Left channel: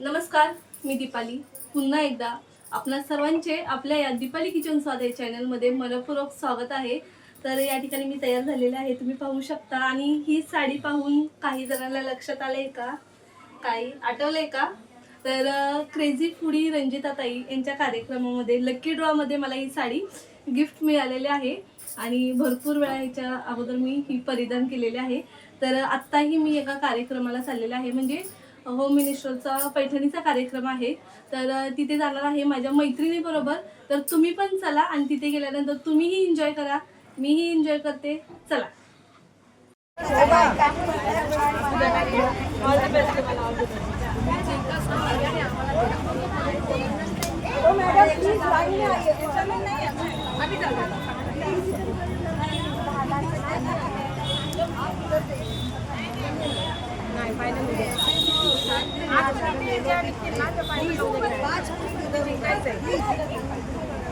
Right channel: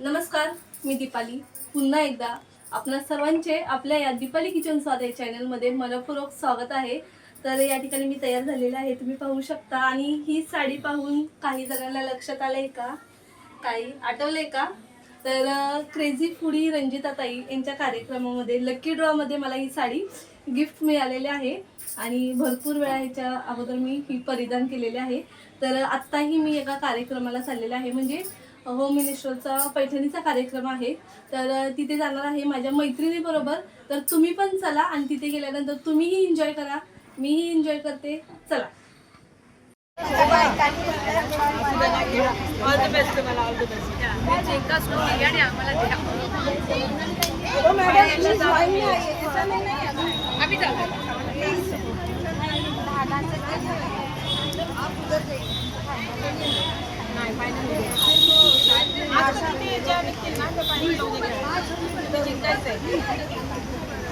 नमस्कार मी दीपाली. पुन्हा एकदा आपणा सर्वांचे आपल्या या दीपाली किचन स्वाद या चॅनलमध्ये मनपूर्वक स्वागत आहे. तर या ठिकाणी मी तयार झालेले आहे. तुम्ही पाहू शकता. आणि ही साडी पाहून काही जणांना लक्षात आलं आहे का? काही आठवलं आहे का? तर क्रेझी फुडी रंजिताताई यांच्या कार्यक्रमामध्ये लकी ड्रॉमध्ये मला ही साडी गिफ्ट मिळालेली आहे. आणि भरपूर वेळा ह्याच्या अगोदर मी ही परिधान केलेले आहे. तर आत्ताही मी एका कार्यक्रमाला चाललेलं आहे. म्हणजे होम मिनिस्टरचा पैठणीचा कार्यक्रम आहे. तर तिथे जाणार आहे माझ्या मैत्रिणीबरोबर तर तुम्ही पण चला आणि तिथे गेल्यानंतर तुम्हीही एन्जॉय करा. मीही एन्जॉय करते. चला.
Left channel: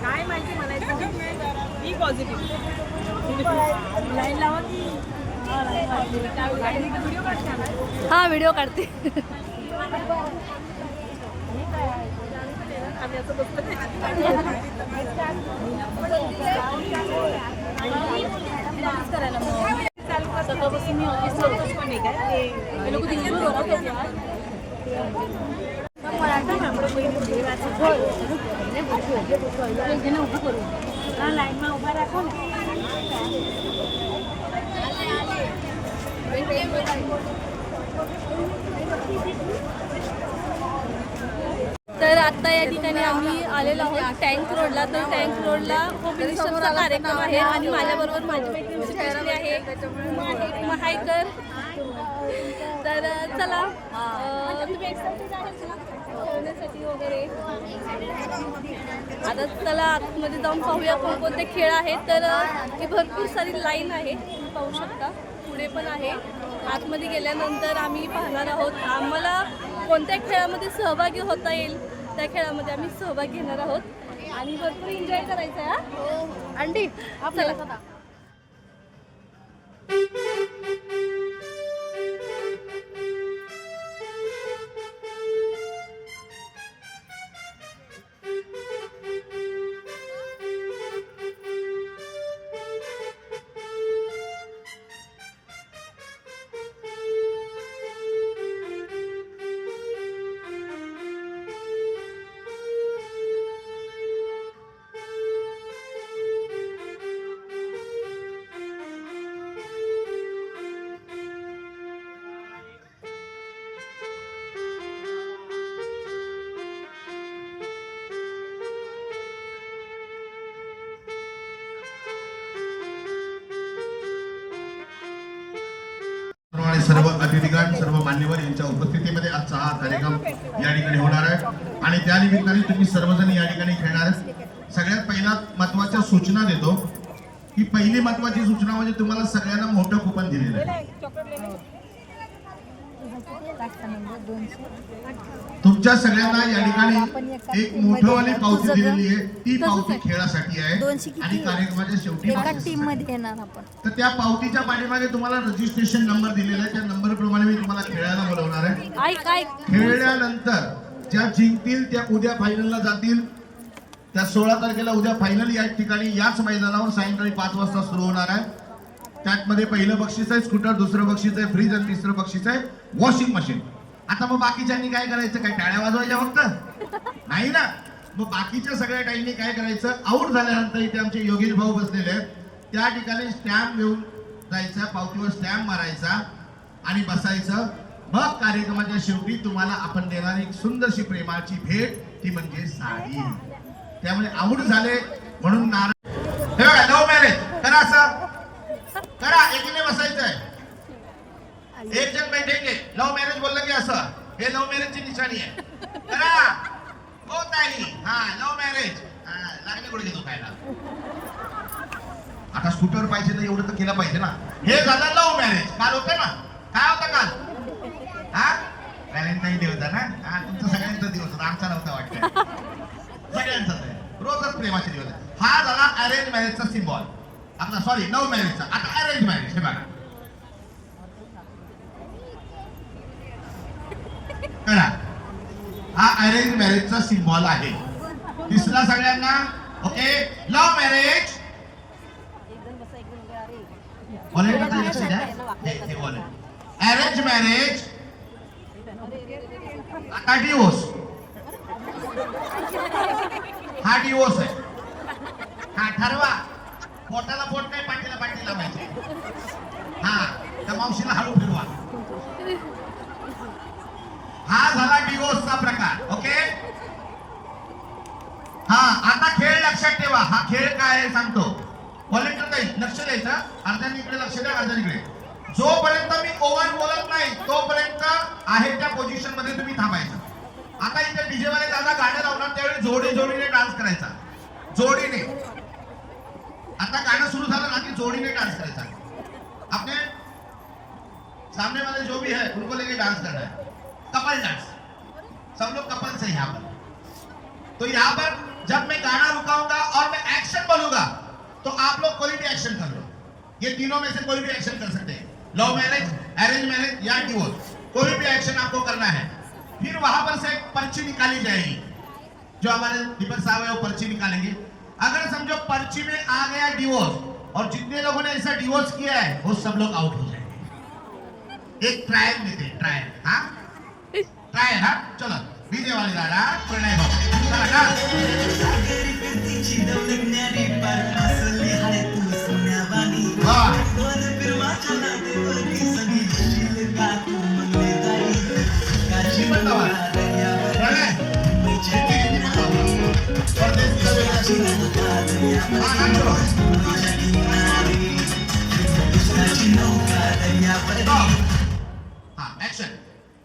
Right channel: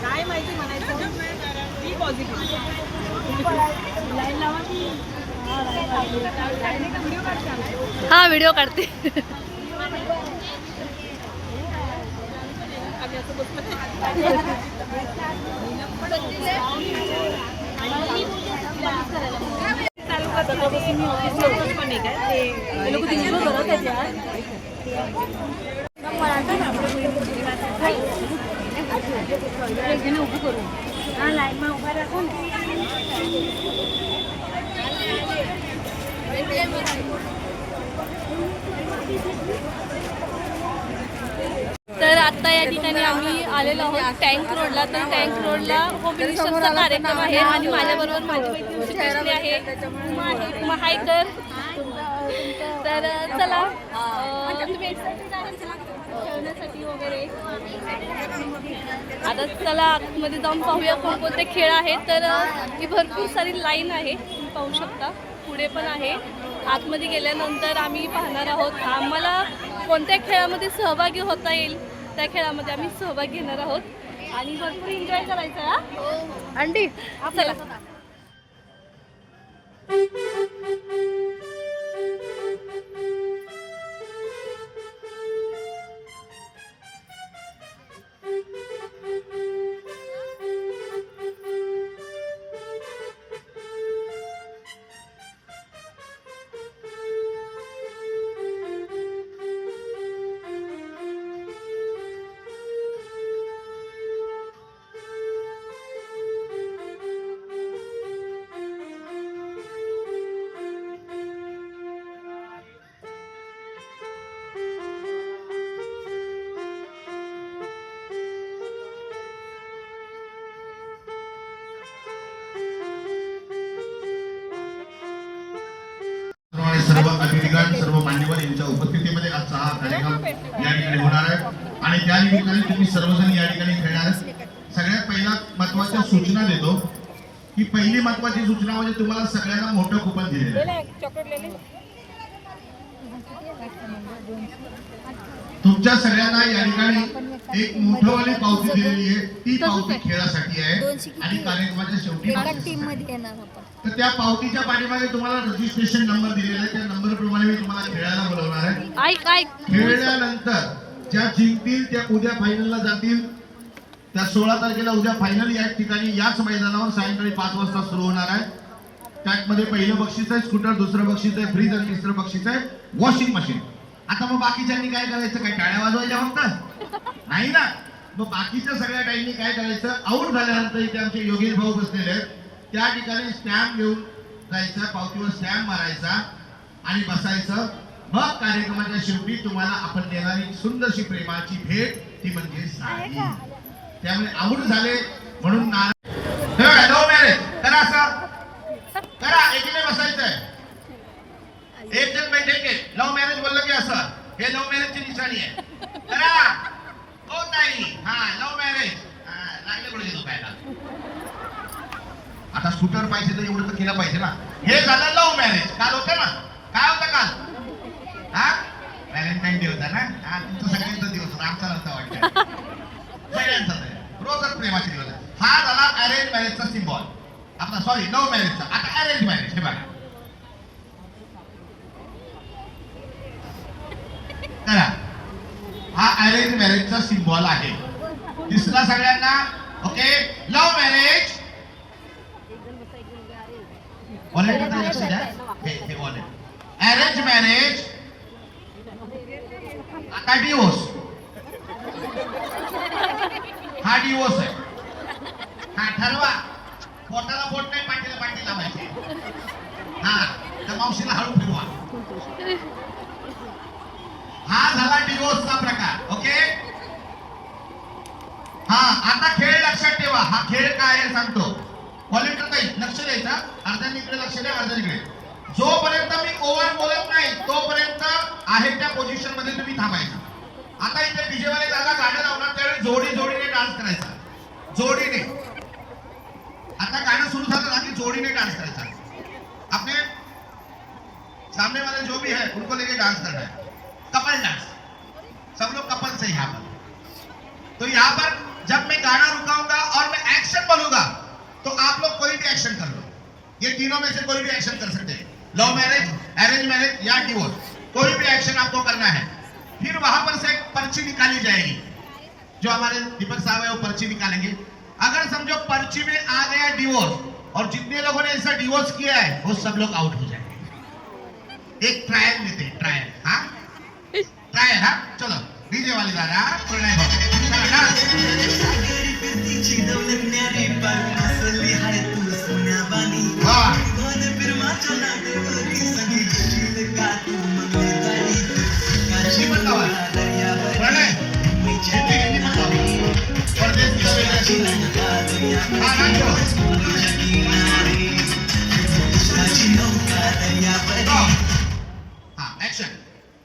काय माहिती म्हणायचं मी पॉझिटिव्ह लाईन लावा की व्हिडिओ हा व्हिडिओ काढते. आम्ही असं सकाळपासून मी ऑफिसला होतोच पण नाही काय ते लोक दिसतो बरं त्याच्यात उभं करू हा लाईन उभा राखू तर आता या ठिकाणी आम्ही आलेलो आहोत टँक रोडला. तर टँक रोडला होम मिनिस्टरचा कार्यक्रम आहे आणि माझ्याबरोबर माझी मैत्रीण श्रीकृष्णी आहे. उमा आहे. उमा हायकर तर चला. तुम्ही एक्साइटेड आहे ना? खेळण्यासाठी वगैरे? आता चला आतमध्ये जाऊन पाहूया कोणकोणते खेळ आहेत. तर ही भरपूर सारी लाईन आहे. तुम्ही पाहू शकता. पुढे पण आहे. आतमध्ये गेल्यानंतर आम्ही पाहणार आहोत. आम्हाला कोणत्या खेळामध्ये सहभागी होता येईल? त्या खेळामध्ये आम्ही सहभाग घेणार आहोत. आणि भरपूर एन्जॉय करायचं आहे हा. अंडी. चला. सर्व अतिथिगण सर्व मान्यवर यांच्या उपस्थितीमध्ये आजचा हा कार्यक्रम या ठिकाणी होणार आहे आणि त्या निमित्ताने तुम्ही सर्वजण या ठिकाणी खेळणार आहे. सगळ्यात पहिला महत्त्वाच्या सूचना देतो की पहिली महत्वाची सूचना म्हणजे तुम्हाला सगळ्यांना मोठं कुपन दिलेलं आहे तुमच्या सगळ्यांना या ठिकाणी एक मोठंवाली पावती दिलेली आहे. ती पावती खेळासाठी आहे आणि कार्यक्रमाच्या शेवटी तर त्या पावतीच्या पाठीमागे तुम्हाला रजिस्ट्रेशन नंबर दिलेला आहे. त्या नंबर प्रमाणे मी तुम्हाला खेळायला बोलवणार आहे. खेळल्यानंतर ज्या जिंकतील त्या उद्या फायनलला जातील. त्या सोळा तारखेला उद्या फायनल या ठिकाणी याच मैदानावर सायंकाळी पाच वाजता सुरू होणार आहे. त्यामध्ये पहिलं बक्षीस आहे स्कूटर दुसरं बक्षीस आहे फ्रीज आणि तिसरं बक्षीस आहे वॉशिंग मशीन आता मग बाकीच्यांनी काय करायचं? काय टाळ्या वाजवायच्या फक्त? नाही ना. मग बाकीच्या सगळ्या टाईमनी काय करायचं? आऊट झाल्यानंतर इथे आमचे योगेश भाऊ बसलेले आहेत. त्या ठिकाणी स्टॅम्प घेऊन जायचा पावतीवर स्टॅम्प मारायचा आणि बसायचं. मग कार्यक्रमाच्या शेवटी तुम्हाला आपण देणारी एक सुंदरशी प्रेमाची भेट ती म्हणजे साडी. त्यामुळे आऊट झाले म्हणून नाराज नो मॅरेज करा असं. करा आहे एक जण बैठेंगे. लव्ह मॅरेज बोललं की असं. हे लव्ह मॅरेजची निशाणी आहे. करा. हो ताई. हा लव्ह मॅरेज. लागले कुठे दुखायला. आता स्कूटर पाहिजे तर एवढं तर केलं पाहिजे ना. हे झालं लव्ह मॅरेज. काल होतं ना? काय होतं काल? हा? व्हॅलेंटाईन डे होता ना? हा तुमचा सगळ्यांचा दिवस होता. आमचा नव्हता वाटतं. सगळ्यांचा रोजच प्रेमाचे दिवस. हा झाला अरेंज मॅरेजचा सिम्बॉल आपला सॉरी लव्ह मॅरेजचा आता अरेंज मॅरेज हे बघा. करा. हा अरेंज मॅरेजचा सिम्बॉल आहे. तिसरा सगळ्यांना ओके लव्ह मॅरेज व्हॉलेंटियरचं लक्ष द्या? हे अरेंज मॅरेज आता डिवोर्स हा डिवोर्स आहे. हा ठरवा. पोटाला पोट नाही पाठीला पाठी लावायचे. हा त्या मावशीला हळू फिरवा. हा झाला डिवोर्सचा प्रकार ओके? हा आता खेळ लक्षात ठेवा. हा खेळ काय आहे सांगतो. व्हॉलेंटियर काही लक्ष द्यायचा. अर्ध्याने इकडे लक्ष द्या अर्ध्या इकडे. जोपर्यंत मी ओव्हर बोलत नाही तोपर्यंत आहे त्या पोझिशनमध्ये तुम्ही थांबायचं. आता इथे डीजेवाले दादा गाणं लावणार त्यावेळी जोडी जोडीने डान्स करायचा. जोडीने. आता गाणं सुरू झालं ना की जोडीने डान्स करायचा. आपले सामने वाले जो भी है उनको लेके डान्स करना है. कपल डांस सब लोग कपल से यहाँ पर। तो यहाँ पर जब मैं गाना रुकाऊँगा और मैं एक्शन बोलूँगा तो आप लोग कोई भी एक्शन कर लो। ये तीनों में से कोई भी एक्शन कर सकते हैं। लव मैरिज अरेंज मैरिज या डिवोर्स कोई भी एक्शन आपको करना है। फिर वहाँ पर से पर्ची निकाली जाएगी। जो हमारे दीपक साहब है, वो पर्ची निकालेंगे। अगर समझो पर्ची में आ गया डिवोर्स और जितने लोगों ने ऐसा डिवोर्स किया है, वो सब लोग आउट हो जाएँगे। एक ट्रायल लेते हैं ट्रायल हाँ? ट्रायल हाँ चलो डीजे वाले दादा प्रणय भाऊ चला डान्स सागरी फिरतीची दौलगणारी पार हसली हाय तू सोन्यावानी वा दोन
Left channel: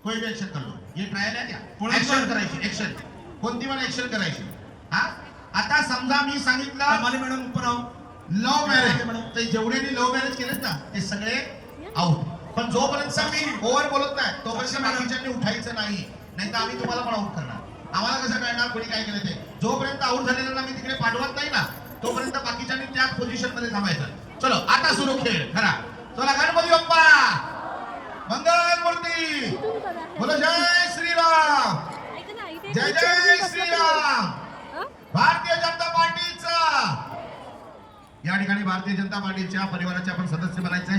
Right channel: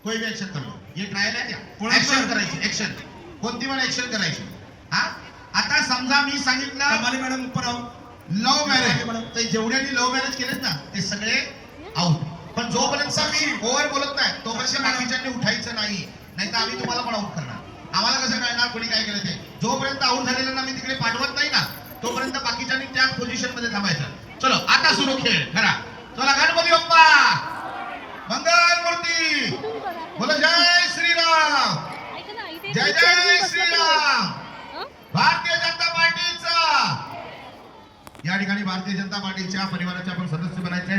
कोई भी ऍक्शन कर. लो ये ट्रायल आहे क्या ऍक्शन करायची. ऍक्शन कोणती पण ऍक्शन करायची. हा? आता समजा मी सांगितलं मॅडम ऊपर आओ लव्ह मॅरेज तर जेवढ्यांनी लव्ह मॅरेज केलेत ना ते सगळे आऊट पण जोपर्यंत मी ओव्हर बोलत नाही तोपर्यंत बाकीच्यांनी उठायचं नाही. नाही तर आम्ही तुम्हाला पण आऊट करणार. आम्हाला कसं कळणार कोणी काय केलं ते? जोपर्यंत आऊट झालेल्यांना मी तिकडे पाठवत नाही ना तोपर्यंत बाकीच्यांनी त्याच पोझिशनमध्ये थांबायचं. चलो आता सुरू खेळ. खरा. चला गणपती बाप्पा! मंगल मूर्ती बोलो जय श्रीराम. जय जय श्रीराम. भारतीय जनता पार्टीचा. या ठिकाणी भारतीय जनता पार्टीच्या परिवाराचे आपण सदस्य बनायचे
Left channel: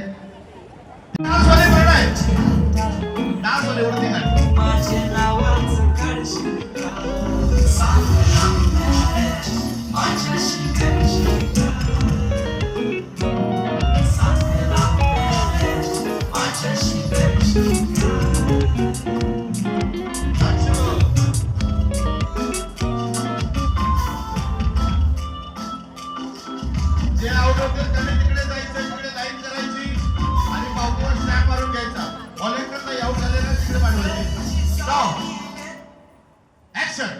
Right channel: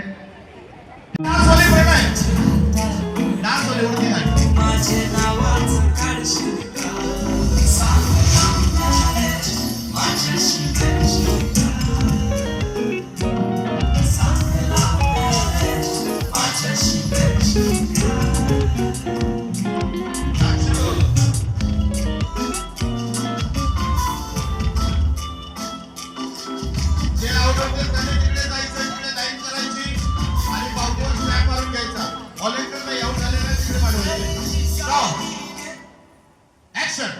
ऍक्शन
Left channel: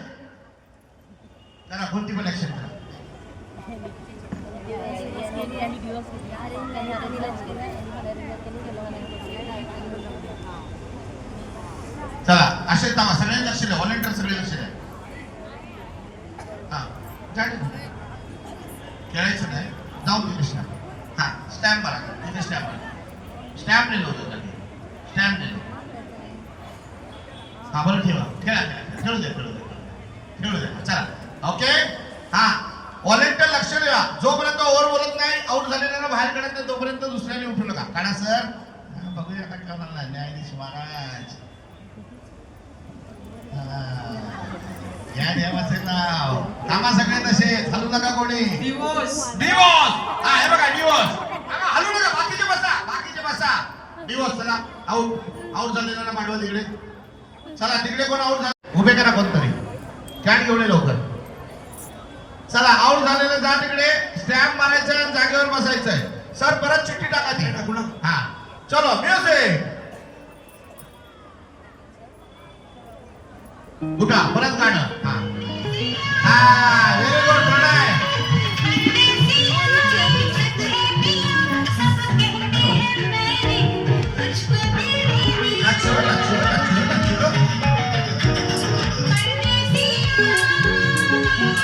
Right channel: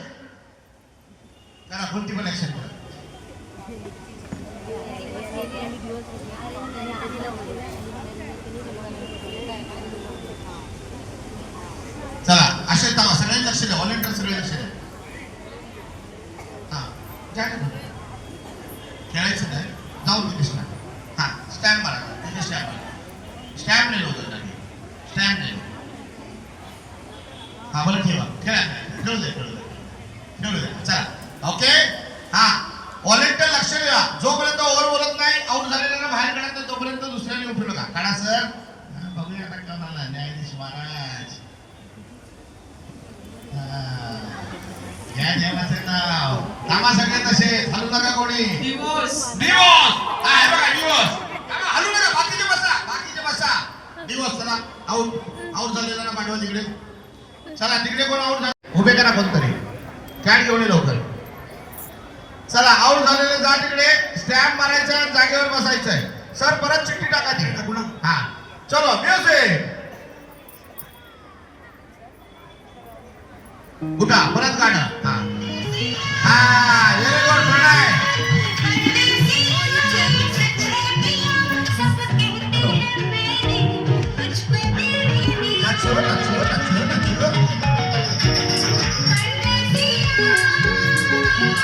करा कोणती पण ऍक्शन करा. चला असे थांबा सगळ्यांनी लक्ष द्या व्हॉलेंटियर सगळे लक्ष द्या. हा जाणे खेळायचं नाही जाऊन तिथे स्टॅम्प हा स्टॅम्प मारा तिथे स्टॅम्प मारा स्टॅम्प नाही होतं स्टॅम्प नाही हा बरं ठेवा. खेळा खेळा. खेळू दे खेळू दे खेळू दे चला. ओके हा. व्हॉलेंटियर लक्ष द्या जोपर्यंत ओव्हर बोलत नाही आउट झालेल्याला बाहेर काढत नाही तोपर्यंत दुसऱ्याने उठू नका. काढा सर बघूया आता का मला न्यायाधीश महाराज. या देवाचे नाव. थांबा सगळे तसे. हलू नका कोणी. डिवोर्स डिवोर्स हा हे बघा डिवोर्स थांबा, हलू नका. बाकीचे बसा. बाकीचे बसा. डिवोर्स चला. आउट आउट झालेला ना पाठवा तिकडे. चला तिकडे कोण आउट झाला? उभे करा कोणतरी. कॅट घेऊन लवकर. चला आउट झालेले जा तिकडे. स्टॅम्प मारायचं जागेवर बसायचंय. सर परत चिठ्ठी टाका तिकडे टाकू ना? हा. चलो म्युझिक उठा परत गाणं. हा. हा.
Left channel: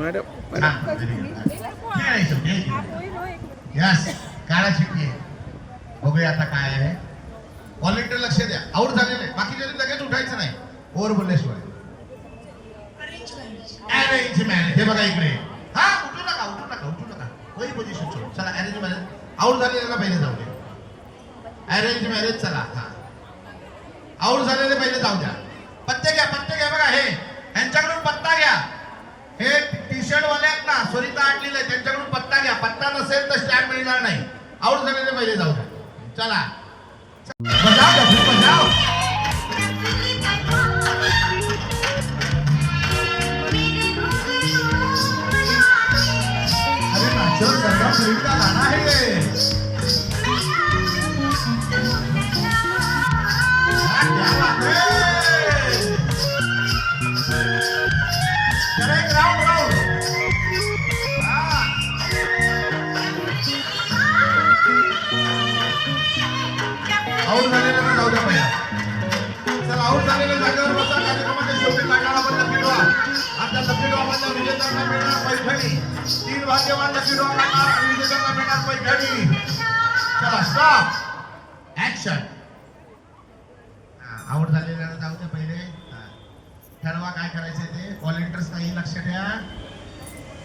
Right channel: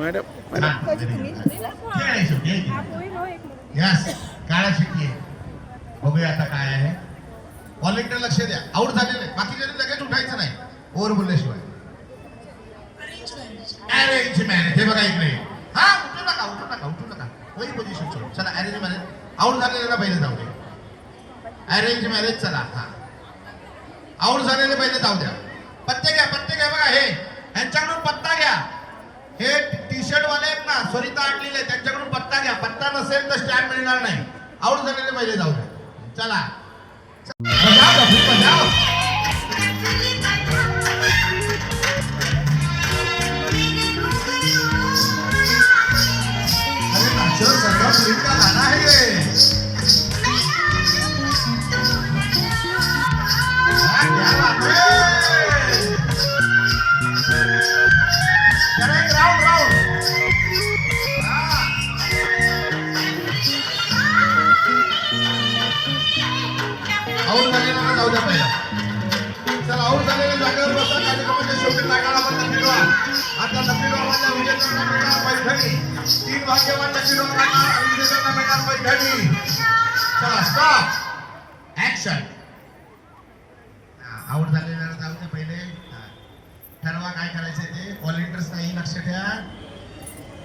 मॅडम यस काळा शिट्टी आहे. बघूया आता काय आहे. व्हॉलेंटियर लक्ष द्या. आऊट झालेले बाकीच्या लगेच उठायचं नाही. ओव्हर बोलल्याशिवाय. अरेंज मॅरेज हे बघा इकडे. हा उठू नका उठू नका उठू नका. वही पोझिशन सोड चला अरेंज मॅरेज आउट झालेल्याला पहिले जाऊ दे. अरेंज मॅरेज चला हा. आऊट झालेले पहिले जाऊ द्या. पत्ते घ्या पत्ते घ्या बघा हे. यांच्याकडून पत्ता घ्या. मिळणार नाही. आऊट झालेले पहिले जाऊ द्या. चला. जागेवर कार्यक्रमाच्या शेवटी आता विजेत्यांना मिळणार पैठणी. तीन भाग्यवान विजेत्यांना मिळणार पैठणी. चला स्टॉप ऍक्शन आवड झालेल्याला जाऊ द्या पहिले. ठरवा काय करायचंय ते. कॉल इंटरेस्ट नाही लक्ष द्या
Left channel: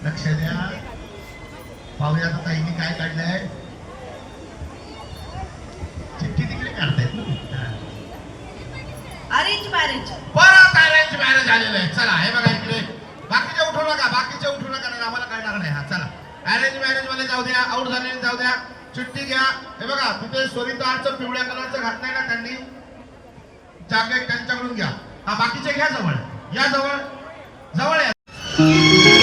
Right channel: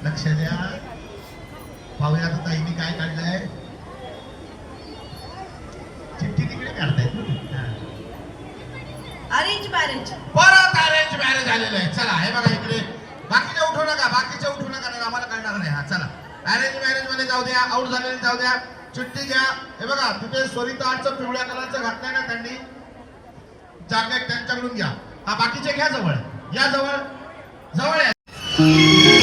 लक्ष द्या. पाहूया आता ताईने काय काढलंय. चिठ्ठी तिकडे काढतायत ना. Arrange marriage. परत मॅरेज आलेलं आहे. चला हे बघा इकडे. बाकीचे उठू नका बाकीचे उठू नका नाही आम्हाला कळणार नाही. हा चला. अरेंज मॅरेजमध्ये जाऊ द्या आऊट झालेले जाऊ द्या. चिठ्ठी घ्या. हे बघा तिथे स्वरिताचं पिवळ्या कलरचं घातलंय ना त्यांनी. जागे त्यांच्याकडून घ्या. हा बाकीचे घ्या जवळ. या जवळ. जवळ या.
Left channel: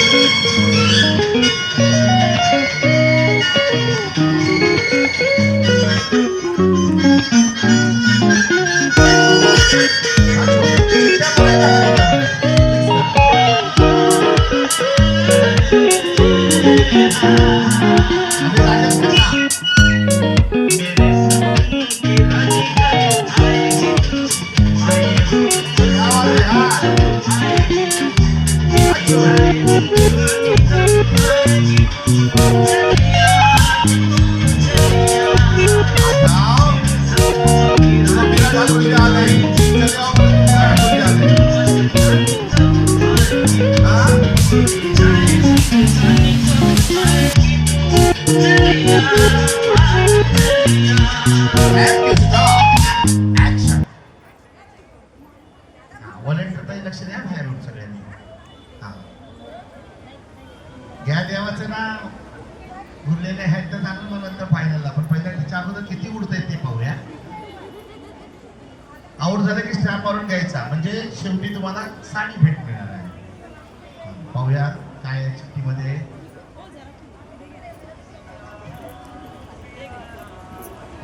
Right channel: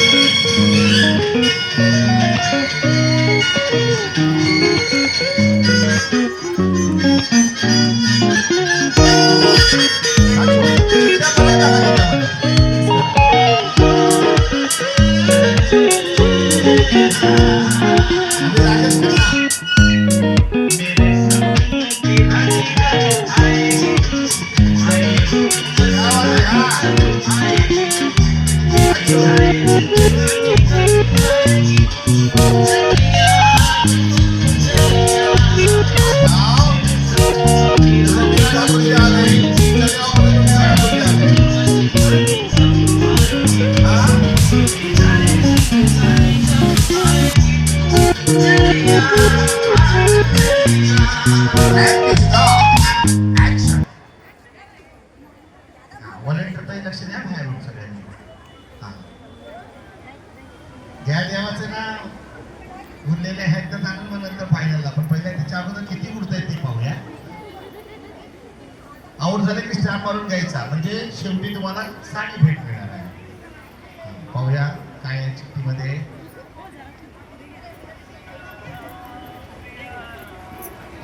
उरलेले आहेत तर जाणून मग नंतर फायनलला पण पहिल्या त्याच्या अगोदर किती उडत ते पाहूया. आऊट झालं की स्टॅम्प मारून घ्यायचा. म्हणजे शेवटी तुम्हाला साडी भेट मिळणार आहे. पाहूया काय चिठ्ठीमध्ये.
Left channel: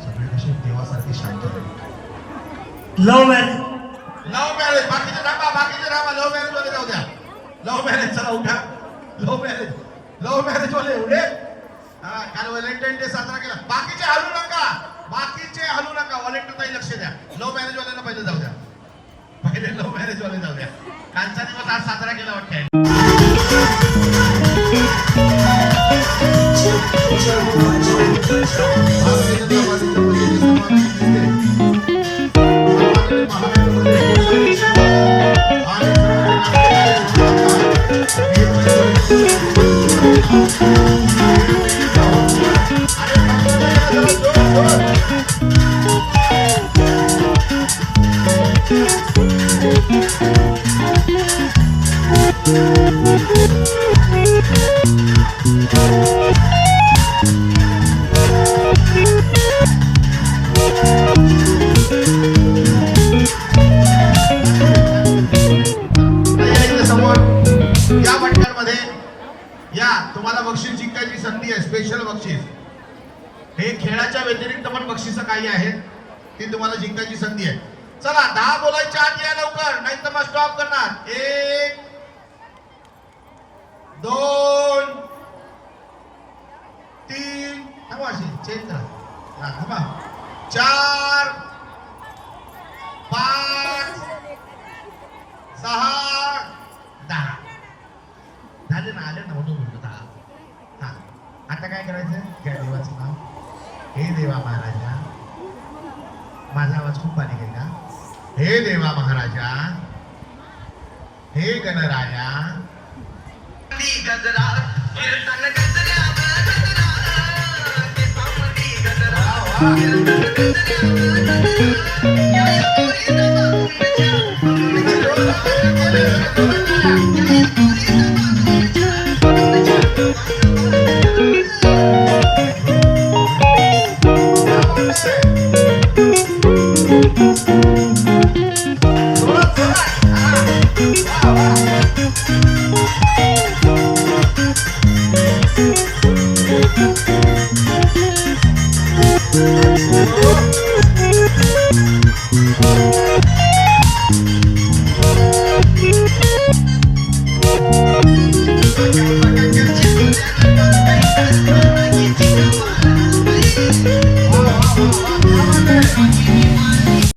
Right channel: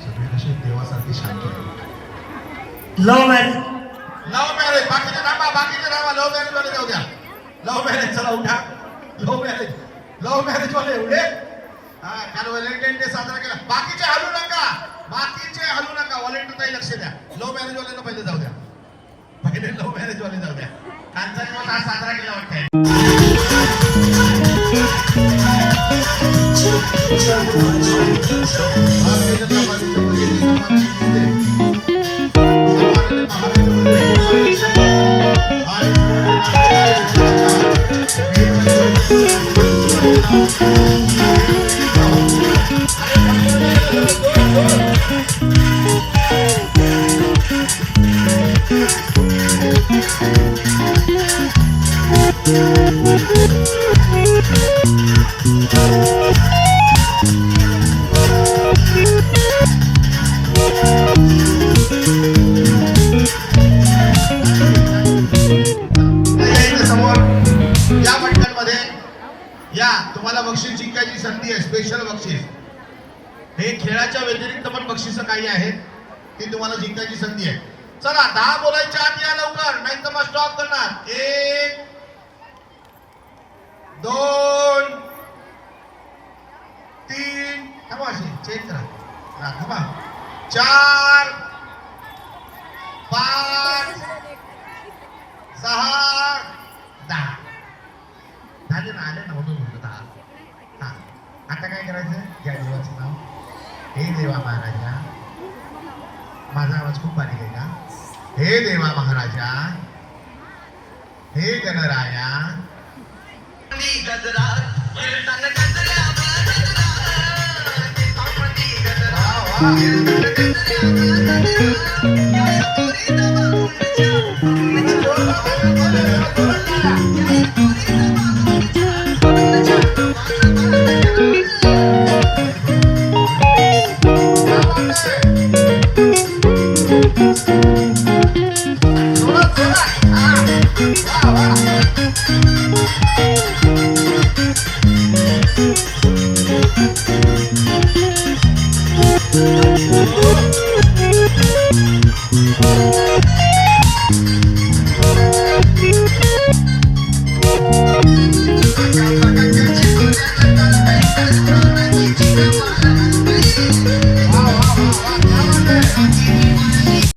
सगळे कसे देवासारखे शांत आहेत. लव्ह मॅरेज लव्ह मॅरेज बाकीचे थांबा बाकीचे थांबा. लव्ह मॅरेज वाले जाऊ द्या. लव्ह मॅरेज चला उठा. लव्ह मॅरेज लव्ह मॅरेज वाले एवढे हा काल व्हॅलेंटाईन डे साजरा केला. बाकीचे हलू नका. बाकीचे हलू नका. व्हॅलेंटाईन लक्ष द्या. लव्ह मॅरेज वाल्यांना पहिले जाऊ द्या. पहिले लव्ह मॅरेज वाले जाऊ द्या. कालचा दिवस आज साजरा केला वाटतंय. बक्षिसं काही आहेत ती तुम्हाला जिंकायची संधी आहे. चला दहा बोलायच्या आत या लवकर नाही तर मग स्टॉप करणार. एक दोन तीन थांबा चेंज करा. थांबा. चार पाच सहा दहा. झाले ना आले ना करायचं? त्या देवाचं नाव. हे देवा महाराजा माझा आवाज खूप बारीक आहे का? हे देवा महाराजा हे गणराया. गजरा